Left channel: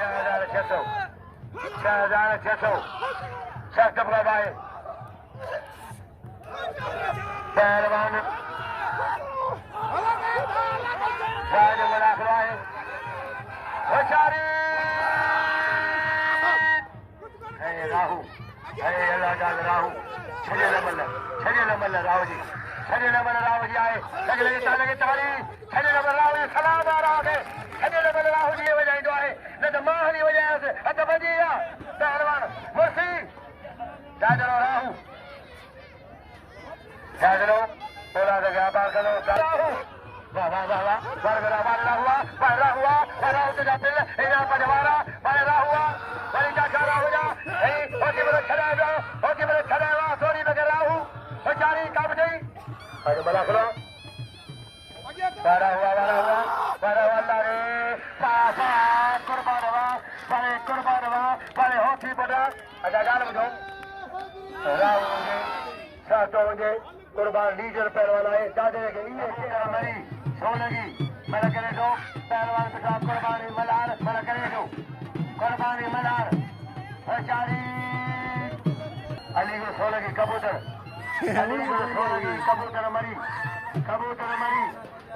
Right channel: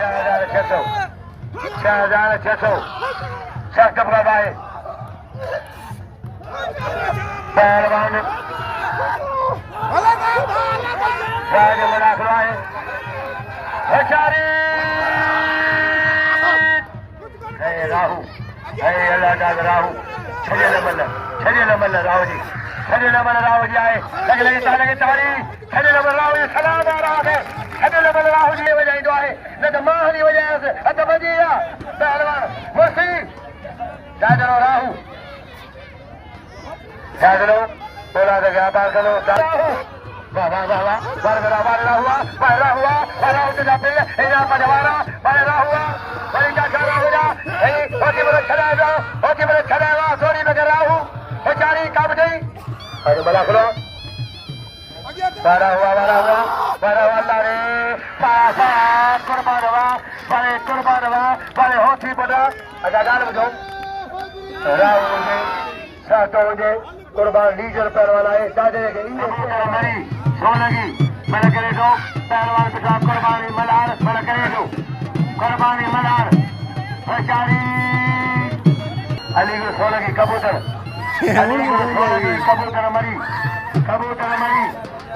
6,600 सख्त मुकाबला है पहलवान मलाखरा है राहू राहू 6 नंबर राहू जी 6 नंबर राहू जी आए लगे ताड़ी 6 नंबर राहू जी सलाम आ रहा है 6 नंबर राहू जी वजह तो आए न तो मां की वजह से अत बजी पहलवान मुर्सी दादरो राहू दादरो बोला तो व्यापार करो राहू वाह वाह वाह वाह बरगरा हुआ राहू के जाते इना पजवारा बरगरा हुआ बड़ी का खड़ा हो जा होती बड़े खड़ा हुआ थोड़ी में राहू बेचारी कब गई अरे मलाखरो बड़ा हुआ रे पासा कुर्बान हुआ बड़े होती बड़ा अच्छा गाल बजाओ राहू ने सातो ने कुर्बान लीजर पहलवान आए दादे के मरी सोलगी बड़ा करे दो पहलवान के साथ कुर्बानी मलार बड़ा करे दो कुर्बानी मलार बेचारी अलीगढ़ सोलगी कबूतर कबूतर मरी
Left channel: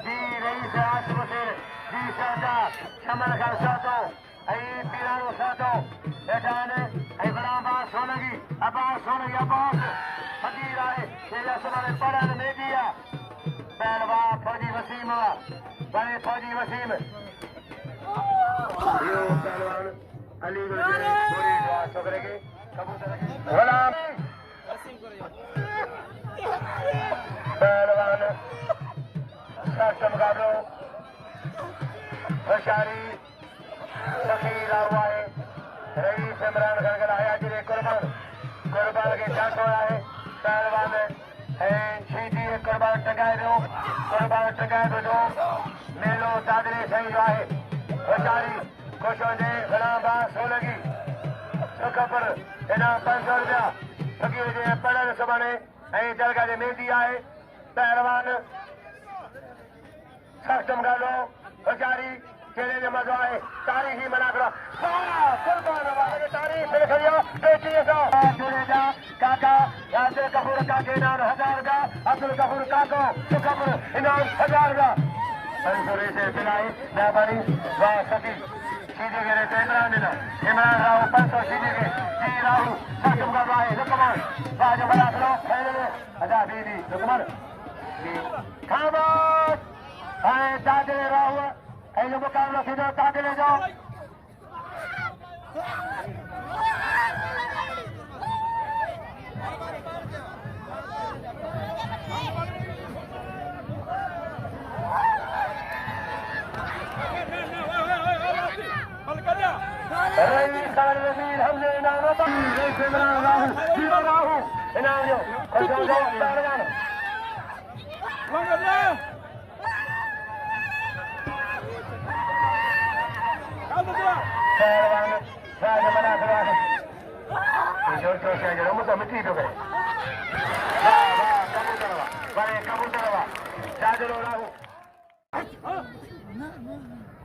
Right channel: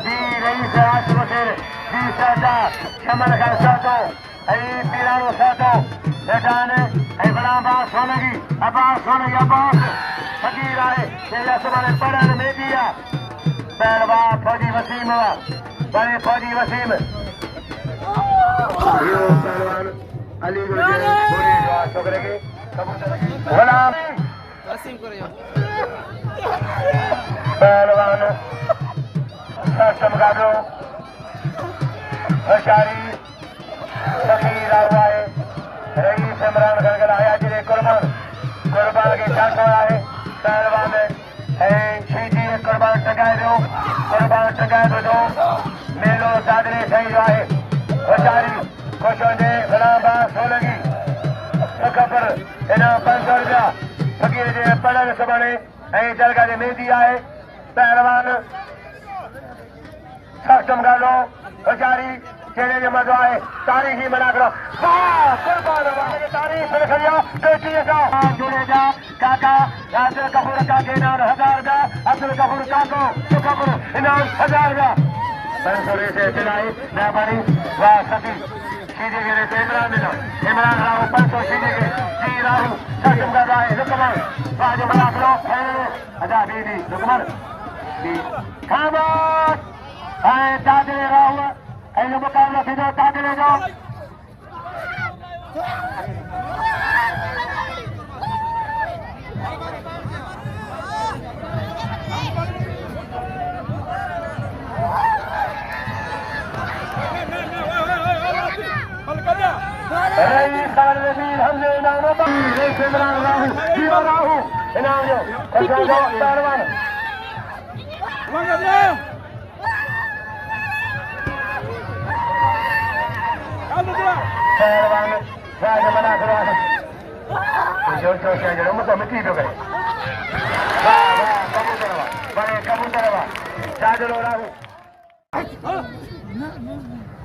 दी रही से आसम से दी सादा शमल का सातो आई पीरानो सातो बेटाने आई बड़ा बात सोलगी अब्बास फकीर आए तेरा समाने पढ़न में दिया पहलवान फौजी वसीम बड़े फौजी वसीम यो पहलवान अलीगढ़ के पूरी छोकरे के कबूतर के गुलाम पहलवान मुकाबलो होशियारी फकीर हुआ है रईस इमरान खान का आया जिले कुर्बान के चांस हो आए पहलवान शेदी कुर्बान टकाए दो मेलो दादरी सही जो है होशियारी खुशो ने गुलाम सोलगी खबर इनाम 500 रुपया फकीर जे पढ़न सबने दरगाह जे मेहंदी आहे पहलवान सख्त मुकाबलो होशियारी चेहरे जो मज़ो आहे तारीख़ी मलाखरा कुर्बान तारीख़ खड़िया बेटी सां जुड़े काका राजर कपूर काके इनाम 1000 रुपया अब्दुल कपूर काको कपूर इनाम 1000 रुपया 500 से दिलाई मेहरबानी वाह सती सीधे गिरे तो इमरान राव 500 सीधे गिरे जी राहू सख्त मुकाबला है रुकमन राज मलाखरो अदा बीबी रुकमन खामोश दादरे राहू ऐसे मुकाबला सीधो दादरे जाओ हमसे इनाम राहू इनाम जो पहलवान पहलवान राज मलाखरा जो मतलब मिट्टी तो गए कबूतर दादरो राहू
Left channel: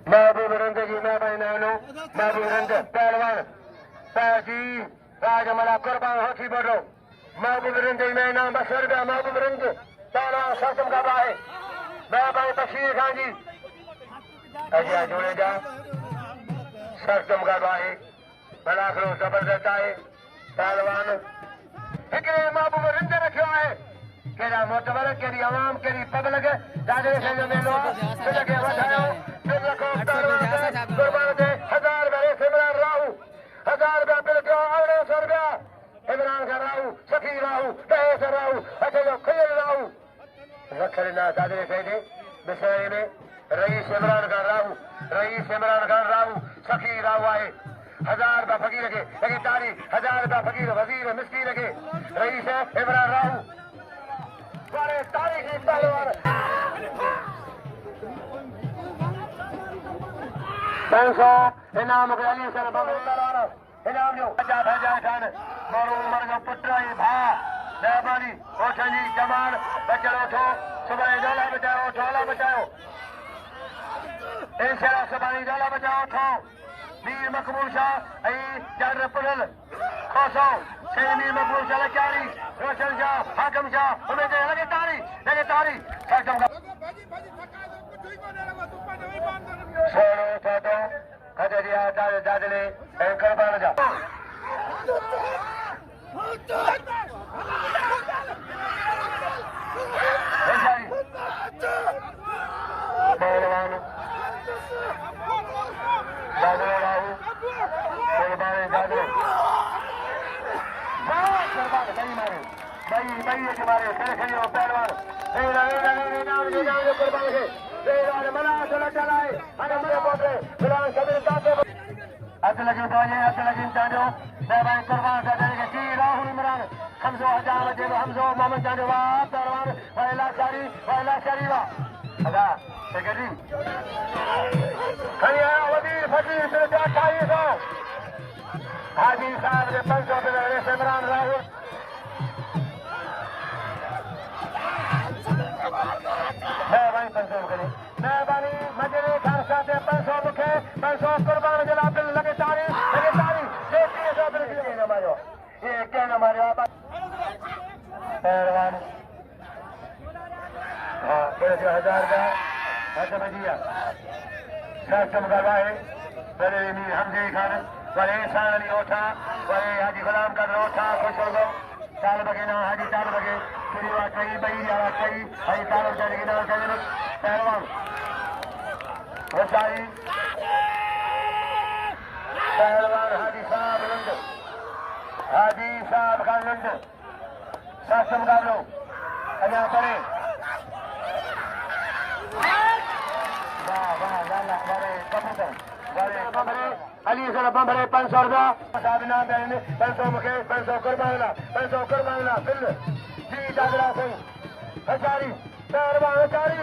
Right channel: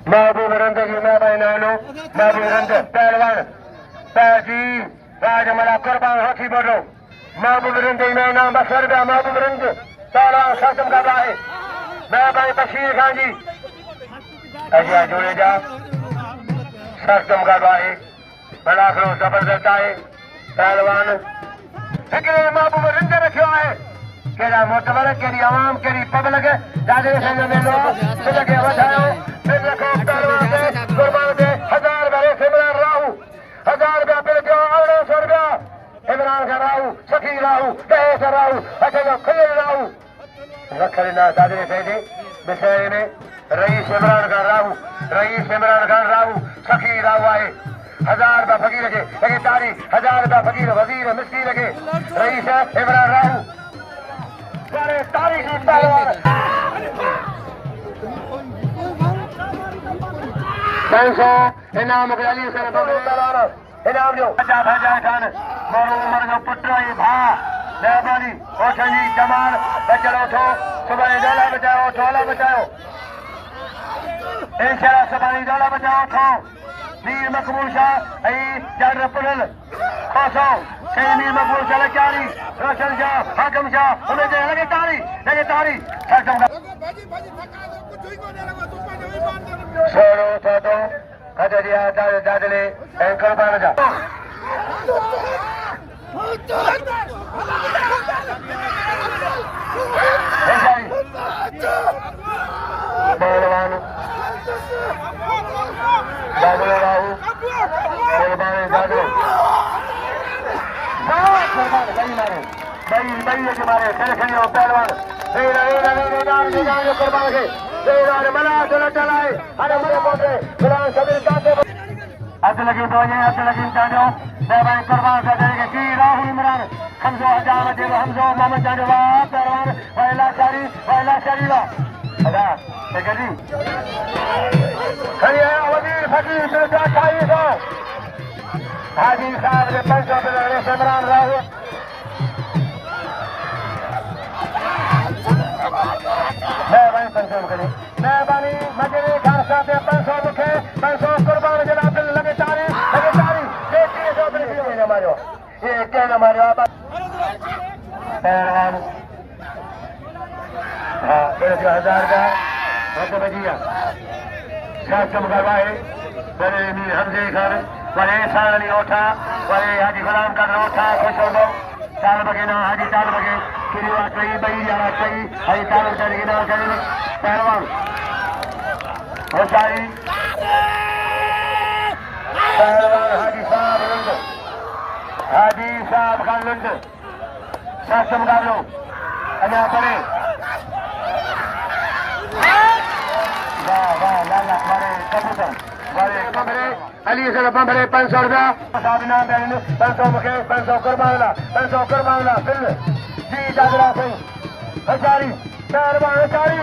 महबूब रंग की मैं नानो महबूब रंग पहलवान पैजी राज मला कुर्बान हाथी बढ़ो महबूब रंग मैं नाम 200 रुपया महबूब रंग सारा खत्म कर रहा है मैं भाई बशीर खान जी अजिया जोड़े जा खत्म कर रहा है मलाखरो जबरदस्त आए पहलवान हिकड़े महबूब रंग रखियो है केड़ा मोतबर केड़ी आवाम केड़ी पब्लिक दादे संग में लो के वधायो फिर रखो कुर्बान दे 1000 रुपया इमरान राहू 1000 रुपया फिर दियो 1800 रुपया इमरान का राहू सखी राहू दहेज राहू अच्छा जो खलील राहू रखली ना दादरे से दे विषय में रईस इमरान खान राहू सखी राहू आए 1000 रुपया फकीर के लगे तारीख 1000 रुपया फकीर वजीर मिस्त्री लगे रईस इमरान राहू बड़े तारीखी पहलवान 500 इनाम अली सर इनाम जो भजा खान मोरू उमर जो पुत्र ही भा मेहरबानी ओछन जी जमाल बचड़ो थो सुबह डोला बचाओ इंशाल्लाह सुबह डोला बचाओ थो मीर मकबूल शाह जड़ पुरल खोसो मीर मकबूल शाह चारी रोशन शाह हाकिम शाह उमेद लगे तारी सोलो तो खजरिया दादले कुर्बान जा पहलवान दादलो राहू कुर्बान दादलो बई के मारे खेल पहलवान कुर्बान के मला चलाए गुलाम सबीर काटे अज लगी चांजो भाई कुर्बान का देंगे जी राहुल इमरान हमजो हजार देव हमजो मोहम्मद चांजो पहलवान पहला शरीवा अदा जी खड़िया वजीर फकीर शुजा 2800 हाजी साहब ने 500 रुपये से इमरान राहुल मेहरबानी मजरे खान साहब 500 मुखे 500 कुर्बान जनाब लगे तारी ये 300 मारो ये क्या मारो पहलवान 1000 का हाथ बजिया शासम करवाए बड़े मीर हमजे खान बड़े साली ओठा बड़े हाजी गुलाम का ओठा खुशो चाल बगे ना हाजी चाल बगे किरिया कई बई जाना कई हाजी चाल बगे ना कई पहलवान हुसैन पहलवान हाजी साहब का लुंड शासम का लो अना करे वाह लाला बड़े कबूतर बड़े कमरे अली से बंबरे 500 रुपया साहब ना देन 500 मुखे 500 कुर्बान ला फिर जी दादरा से हजारी पहलवान हजारी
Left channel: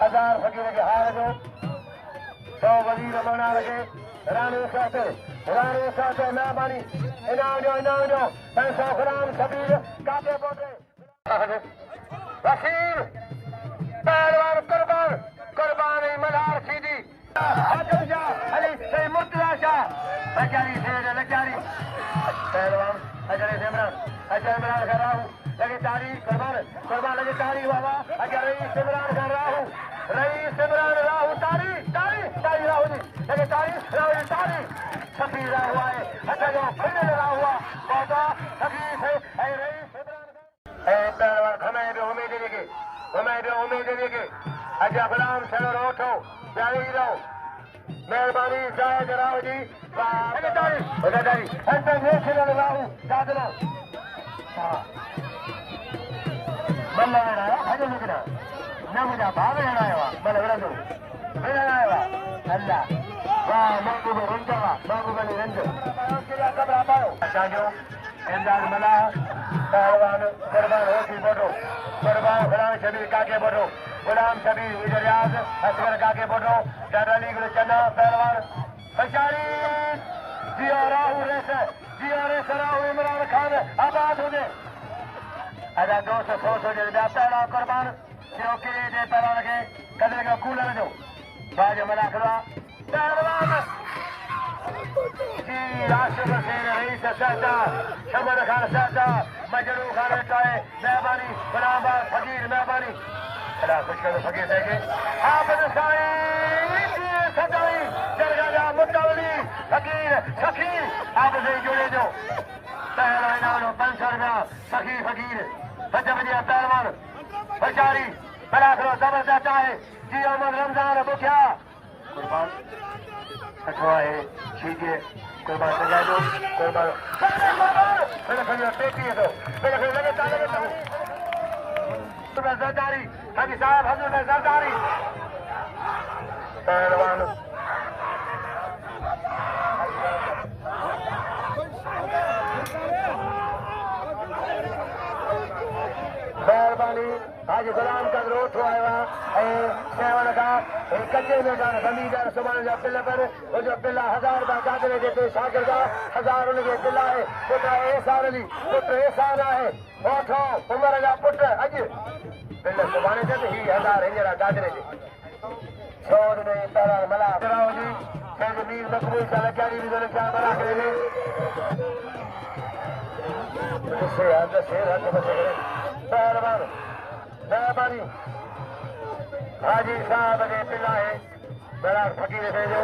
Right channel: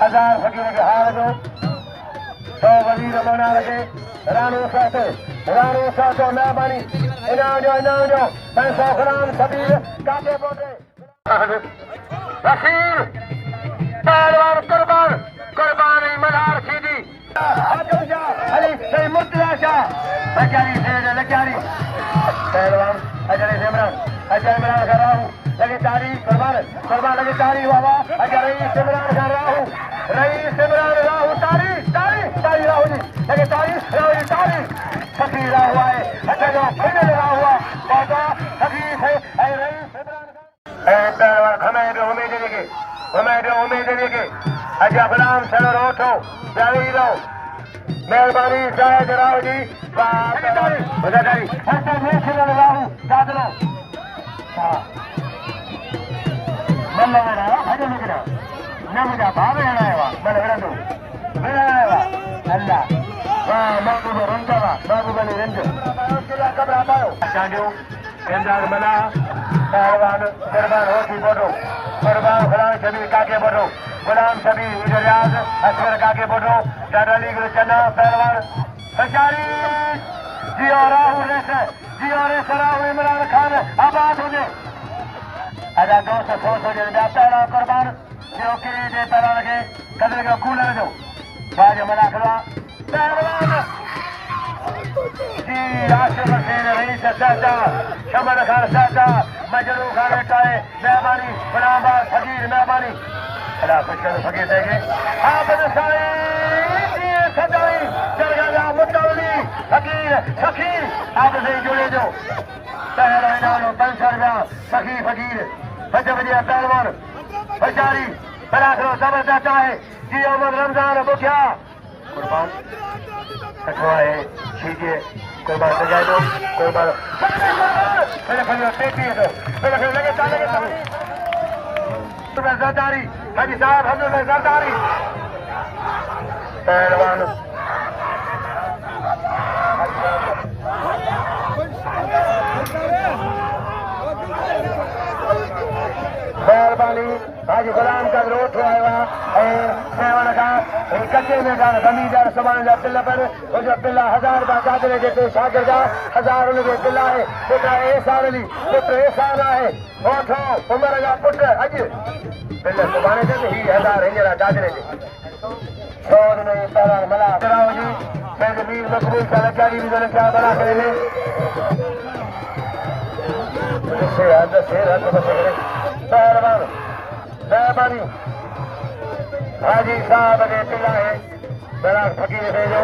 हजार फकीर के हार दो 100 वजीर बना रखे रानू साथे मेहरबानी इनाम जो 500 ग्राम सबीर काटे पोटे रहील पहलवान कुर्बान मल्हार सीधी हाकिम शाह अली से मुर्तजा शाह लचारी से लचारी पहलवान अजय इमरान का राहू लगे तारी कुर्बान लगे तारी बाबा अजय रईस इमरान का राहू तारी राहू जी लगे तारी राहू जी तारी सफी राहू आए अच्छा जो फाइनल रहा हुआ बाबा सफी है रईस इमरान का पहलवान हमें उम्मीद देंगे अजय गुलाम चलो रोठो जारी रहो मेहरबानी शायद राहू जी तारी नेशनल राहू दादलो मल्ला हजे निकला नमुदा भावे आया मल विरंदो अल्लाह वाह महबूब रंजवा महबूबली रंज कबरा पायो चांजो केंदार मना पहलवान कुर्बान होती बोलो कुर्बान गुलाम शबीर काके बोलो गुलाम शबीर इजराज असगर काके बोलो दादाली गुल चना पहलवान हजारी जियो राहु राहु इमरान खान आबाद हो गए अदा 200 रुपया पहला कुर्बान जो किरी जे पहला लगे कदर का कूलर दो बाज मलाखरा पहलवान जी आसिफ हुसैन रईस सादा शमन खान सादा मजरू खान टाए मेहरबानी गुलामबाद फकीर मेहरबानी अल्लाह खुश कर फकीर देंगे हाफिज साईं जी सदाई जरगा मुतवली फकीर हाफिज से जुड़े जो पहला इनाम 500 रुपया फकीर बच्चे बजिया पहलवान हजारी मलाखरो जबरदस्त है जी अहमद रमजान बुखिया कुर्बान कठवाए शीजिए कुर्बान हो जाए कुर्बान जरदारी हाजी साहब हजरत जरदारी पहलवान मेहरबानी हाजी गुलाम का ग्रोथ आया कच्चे में जमींदार समान जा पिल्ला पर पिल्ला 1000 रुपया चादरे देते शागिर का 1000 उनके पिल्ला है पुत्र एहसान अली पुत्र एहसान है ओठो उमर जा पुत्र अज पिल्ला सुभाणे ते ही 1000 हिजरा चादरे दे सोन में पहलवान मला कराओ जी मैं मीर मकबूल का लचारी भी जन क्या बना करे से हद से रत बस करे पहलवान मेहरबानी हाजी साहब ने पिल्ला है बड़ा फकीर भेजो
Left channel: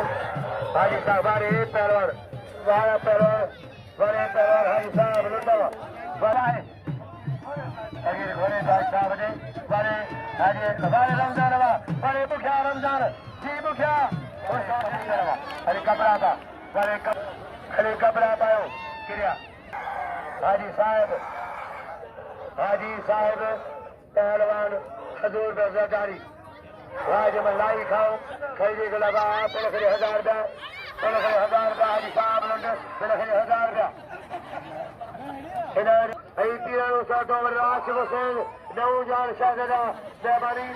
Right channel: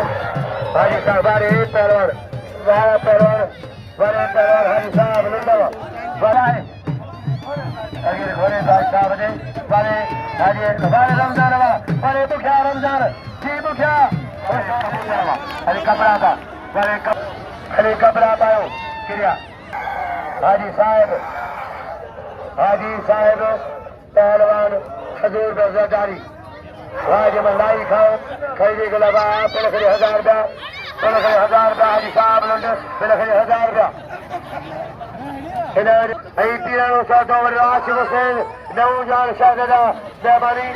हाजी साहब बारे पहलवान वाला पहलवान बड़े पहलवान हाजी साहब लुंडवा बड़ा है अगर घोड़े साहब ने बड़े हाजी बारे रमजान बड़े बुखिया रमजान जी बुखिया अरे कपड़ा था बड़े अरे कपड़ा पायो क्रिया हाजी साहब पहलवान हजूर जरदारी राज मलाई खाओ खरीदे के लगा पहले 1000 रुपया पहले 1000 रुपया हाजी साहब लंडे पहले 1000 रुपया इधर आई तीनों साथों में आसिफ हुसैन नौ जान शाहदा मेहरबानी